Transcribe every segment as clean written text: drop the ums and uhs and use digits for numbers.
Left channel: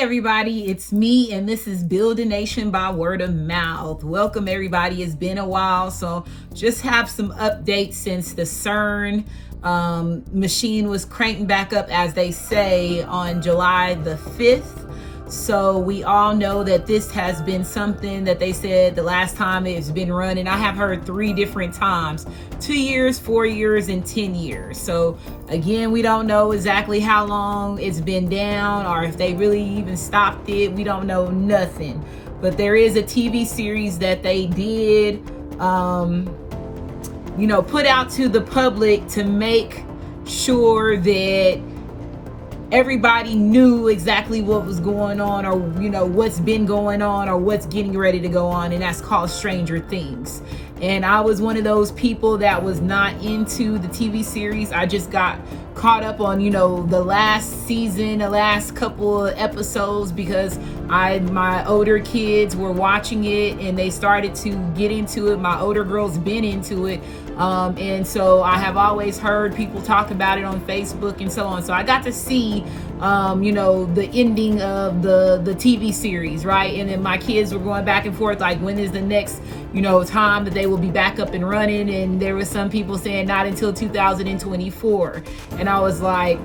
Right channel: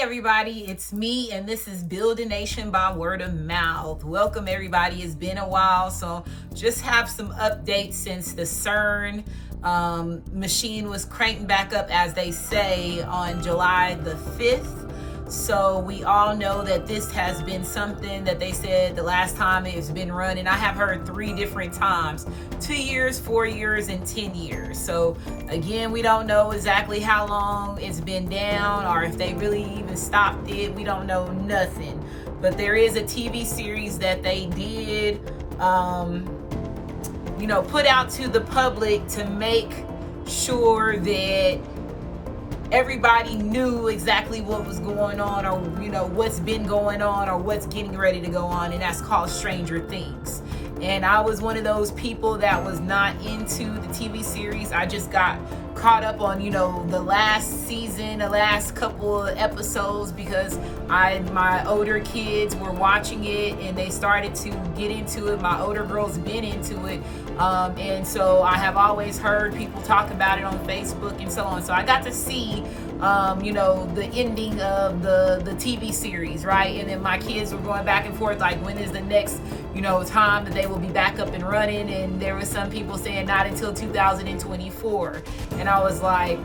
Everybody, it's me, and this is Build a Nation by Word of Mouth. Welcome everybody. It's been a while, so just have some updates since the CERN machine was cranking back up, as they say, on July the 5th. So we all know that this has been something that they said the last time it's been running. I have heard 3 different times: 2 years, 4 years, and 10 years. So again, we don't know exactly how long it's been down or if they really even stopped it. We don't know nothing. But there is a TV series that they did, put out to the public to make sure that everybody knew exactly what was going on, or what's been going on, or what's getting ready to go on, and that's called Stranger Things. And I was one of those people that was not into the TV series. I just got caught up on the last season, the last couple of episodes, because my older kids were watching it and they started to get into it. My older girl's been into it, and so I have always heard people talk about it on Facebook and so on. So I got to see the ending of the TV series, right? And then my kids were going back and forth, like, when is the next time that they will be back up and running? And there was some people saying not until 2024, and I was like,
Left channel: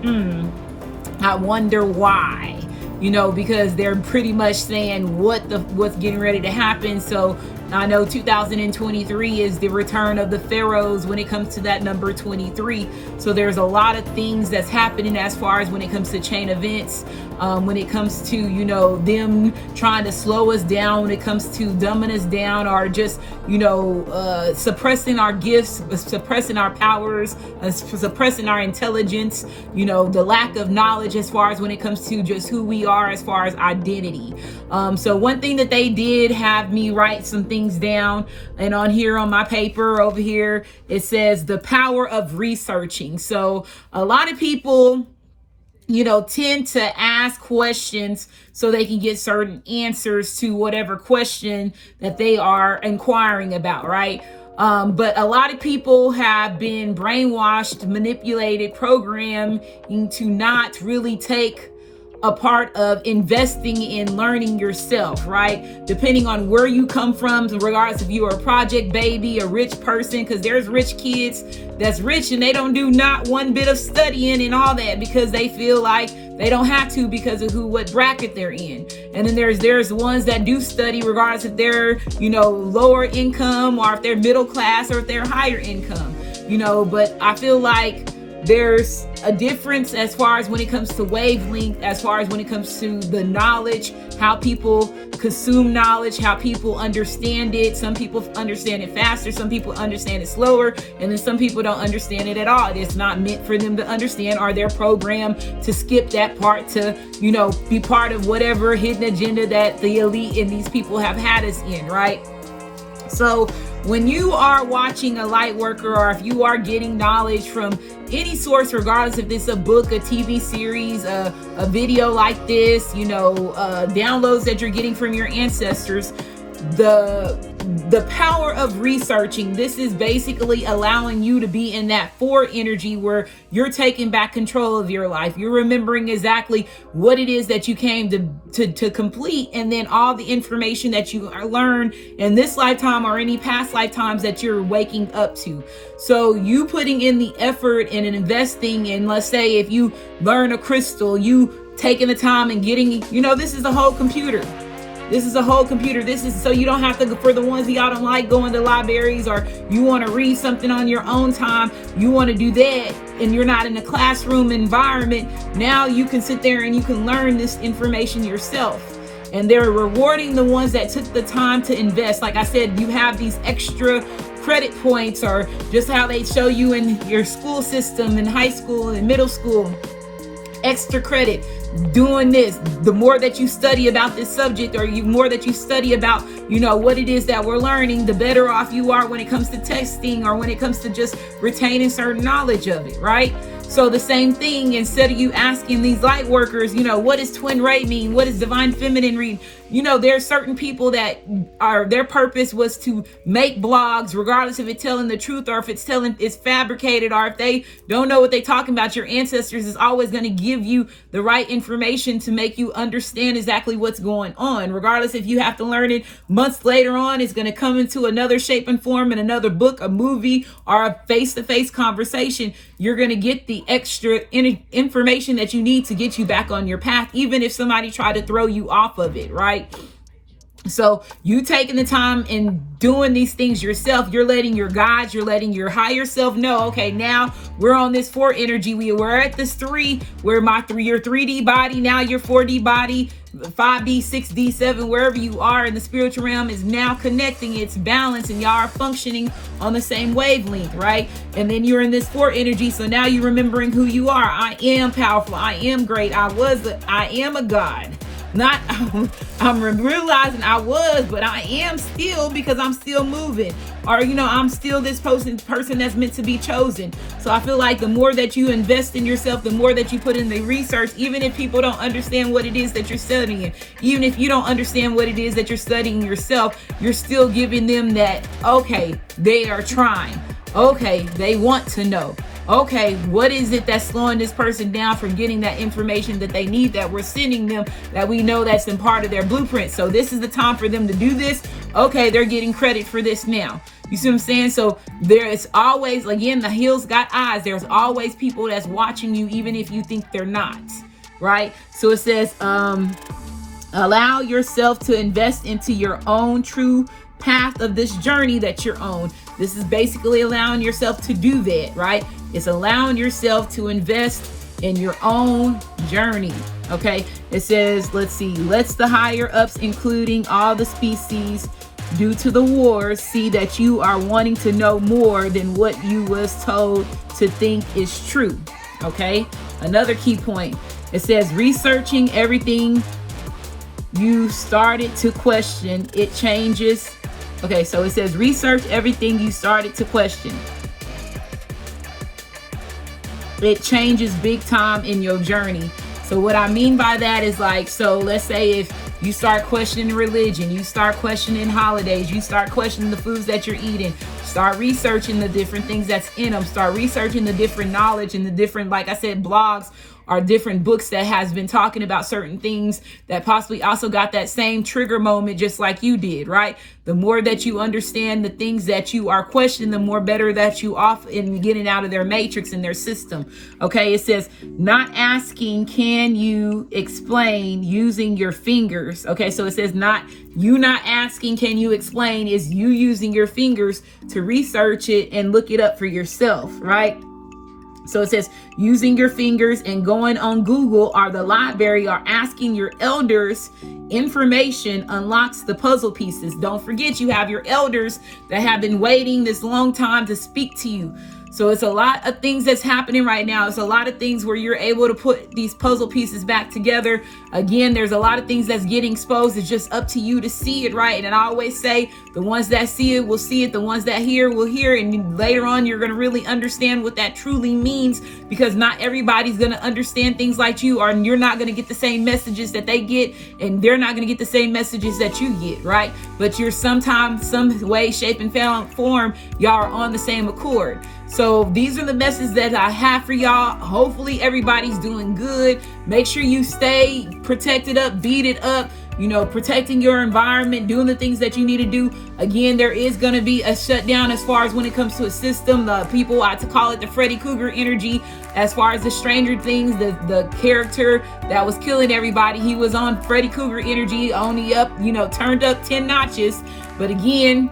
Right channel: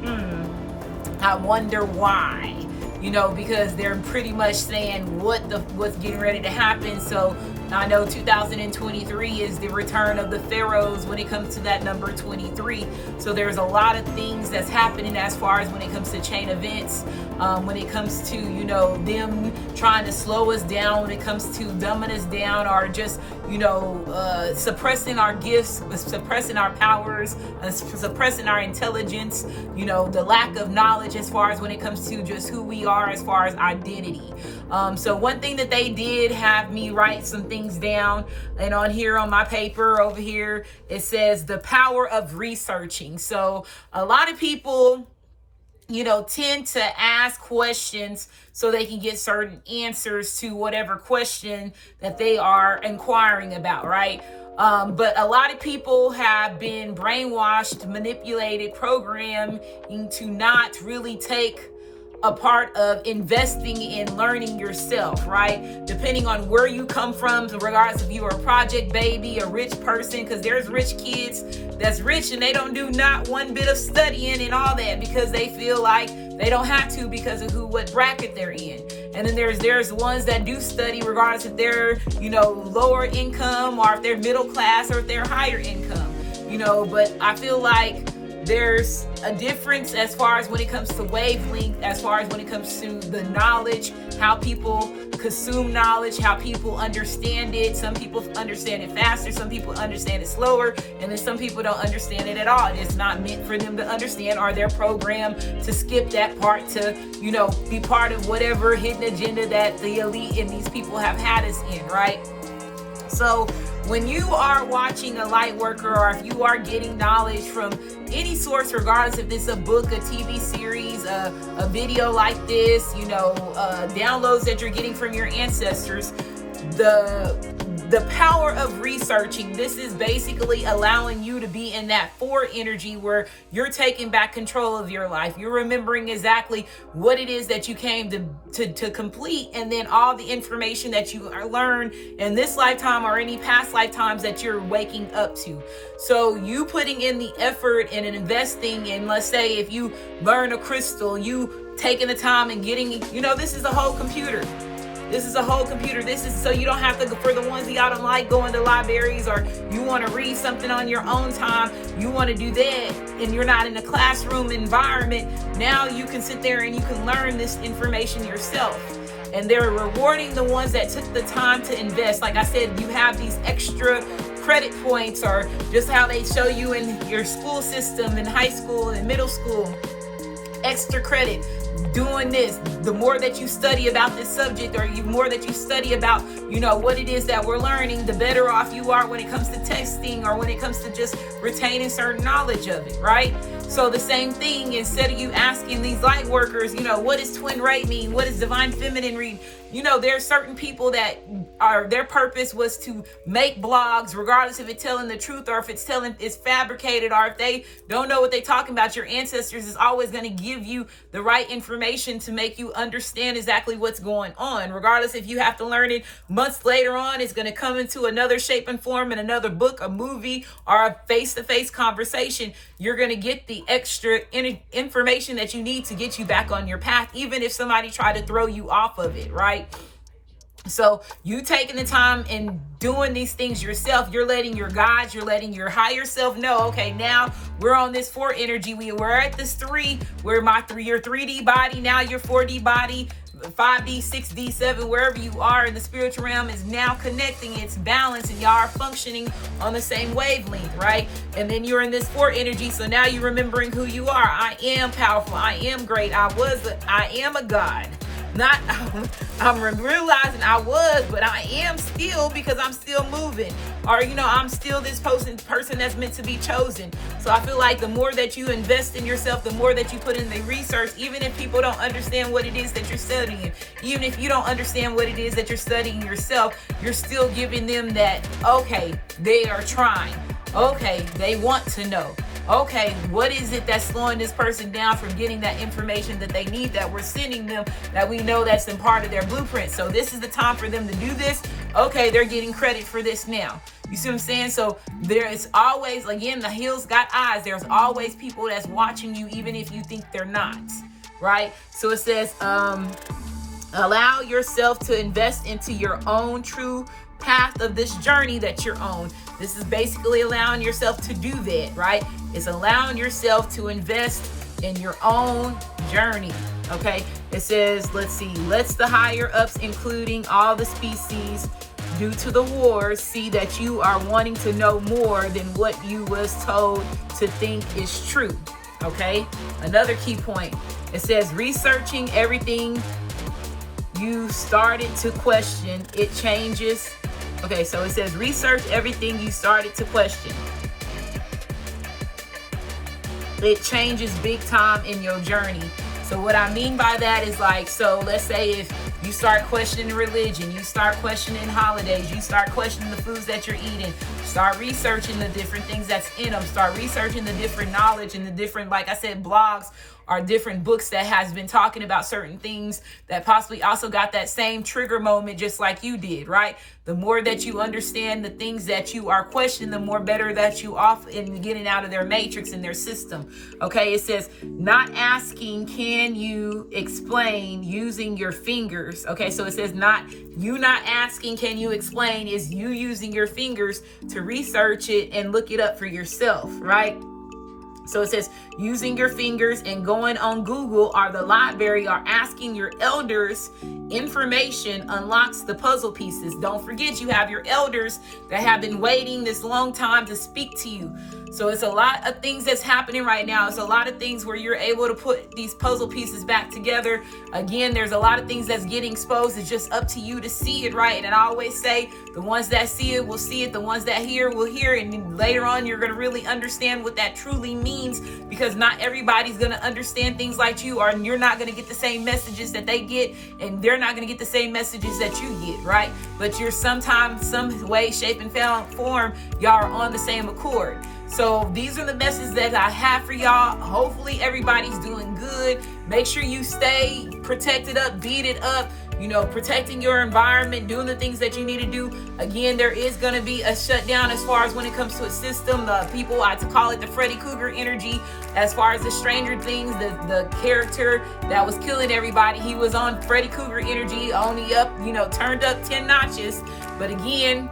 I wonder why. Because they're pretty much saying what's getting ready to happen. So I know 2023 is the return of the pharaohs when it comes to that number 23. So there's a lot of things that's happening as far as when it comes to chain events, when it comes to them trying to slow us down, when it comes to dumbing us down, or just suppressing our gifts, suppressing our powers, and suppressing our intelligence, the lack of knowledge as far as when it comes to just who we are as far as identity. So one thing that they did have me write some things down, and on here on my paper over here it says the power of researching. So a lot of people tend to ask questions so they can get certain answers to whatever question that they are inquiring about, right? But a lot of people have been brainwashed, manipulated, programmed to not really take a part of investing in learning yourself, right? Depending on where you come from, regardless if you're a project baby, a rich person, because there's rich kids that's rich and they don't do not one bit of studying and all that because they feel like they don't have to because of what bracket they're in. And then there's ones that do study regardless if they're lower income, or if they're middle class, or if they're higher income. But I feel like there's a difference as far as when it comes to wavelength, as far as when it comes to the knowledge, how people consume knowledge, how people understand it. Some people understand it faster, some people understand it slower, and then some people don't understand it at all. It's not meant for them to understand, or they're programmed to skip that part to, be part of whatever hidden agenda that the elite and these people have had us in, right? So when you are watching a light worker, or if you are getting knowledge from any source, regardless if it's a book, a TV series, a video like this, downloads that you're getting from your ancestors, the power of researching, this is basically allowing you to be in that 4 energy where you're taking back control of your life. You're remembering exactly what it is that you came to complete, and then all the information that you learned in this lifetime or any past lifetimes that you're waking up to. So you putting in the effort and investing in, let's say if you learn a crystal, you taking the time and getting, this is a whole computer. This is a whole computer. This is so you don't have to, for the ones that y'all don't like going to libraries, or you want to read something on your own time, you want to do that, and you're not in a classroom environment. Now you can sit there and you can learn this information yourself. and they're rewarding the ones that took the time to invest. Like I said, you have these extra credit points, or just how they show you in your school system in high school and middle school, extra credit. Doing this, the more that you study about this subject, or the more that you study about, what it is that we're learning, the better off you are when it comes to testing, or when it comes to just retaining certain knowledge of it, right? So the same thing, instead of you asking these light workers, what does twin ray mean? What does divine feminine mean? There are certain people that their purpose was to make blogs, regardless if it's telling the truth or if it's fabricated, or if they don't know what they're talking about. Your ancestors is always going to give you the right information to make you understand exactly what's going on. Regardless if you have to learn it months later on, it's going to come into another shape and form in another book, a movie, or a face-to-face conversation. You're going to get the extra information that you need to get you back on your path, even if somebody tried to throw you off of it, right? So you taking the time and doing these things yourself, you're letting your guides, you're letting your higher self know, okay, now we're on this 4 energy. We're at this 3, where your 3D body, now your 4D body, 5D, 6D, 7, wherever you are in the spiritual realm is now connecting. It's balanced, and y'all are functioning on the same wavelength, right? And then you're in this 4 energy. So now you're remembering who you are. I am powerful. I am great. I am a God. I'm realizing I was, but I am still, because I'm still moving, or I'm still this person that's meant to be chosen. So I feel like the more that you invest in yourself, the more that you put in the research, even if people don't understand what it is that you're studying, even if you don't understand what it is that you're studying yourself, you're still giving them that, okay, they are trying, okay, they want to know. Okay, what is it that's slowing this person down from getting that information that they need, that we're sending them, that we know that's in part of their blueprint? So this is the time for them to do this. Okay, they're getting credit for this now. You see what I'm saying? So there is always, again, the hills got eyes. There's always people that's watching you, even if you think they're not, right? So it says, allow yourself to invest into your own true path of this journey that you're on. This is basically allowing yourself to do that, right? It's allowing yourself to invest in your own journey. Okay, it says, let's see, let's the higher ups, including all the species, due to the wars, see that you are wanting to know more than what you was told to think is true. Okay, another key point, it says, researching everything you started to question, it changes. Okay, so it says, research everything you started to question. It changes big time in your journey. So what I mean by that is, like, so let's say if you start questioning religion, you start questioning holidays, you start questioning the foods that you're eating, start researching the different things that's in them, start researching the different knowledge and the different, like I said, blogs or different books that has been talking about certain things that possibly also got that same trigger moment just like you did, right? The more that you understand the things that you are questioning, the more better that you off in getting out of their matrix and their system. Okay, it says, not asking, can you explain, using your fingers. Okay, so it says not asking, can you explain, is you using your fingers to research it and look it up for yourself, right? So it says, using your fingers and going on Google or the library or asking your elders information unlocks the puzzle pieces. Don't forget, you have your elders that have been waiting this long time to speak to you. So it's a lot of things that's happening right now. It's a lot of things where you're able to put these puzzle pieces back together. Again, there's a lot of things that's getting exposed. It's just up to you to see it, right? And I always say, the ones that see it will see it. The ones that hear will hear it. And later on, you're going to really understand what that truly means, because not everybody's going to understand things like you, or you're not going to get the same messages that they get, and they're not going to get the same messages that you get, right? But you're sometimes, some way, shape, and form, y'all are on the same accord. So these are the messages that I have for y'all. Hopefully everybody's doing good. Make sure you stay protected up, beat it up, protecting your environment, doing the things that you need to do. Again, there is going to be a shutdown as far as when it comes to a system. People, I call it the Freddy Krueger energy. As far as the Stranger Things, the character that was killing everybody, he was on Freddy Krueger energy, only up, turned up 10 notches. But again,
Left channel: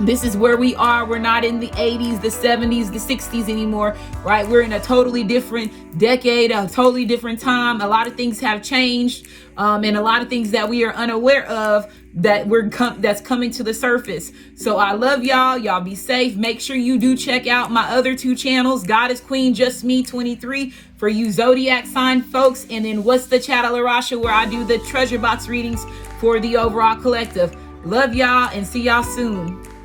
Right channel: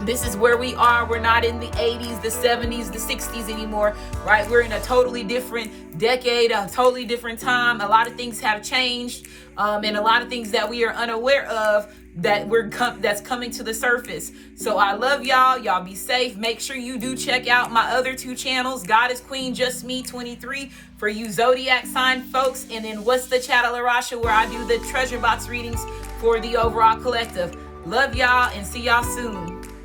This is where we are. We're not in the 80s, the 70s, the 60s anymore, right? We're in a totally different decade, a totally different time. A lot of things have changed, and a lot of things that we are unaware of that's coming to the surface. So I love y'all. Y'all be safe. Make sure you do check out my other 2 channels, God is Queen, Just Me 23 for you zodiac sign folks, and then What's the Chattel Arasha, where I do the treasure box readings for the overall collective. Love y'all and see y'all soon.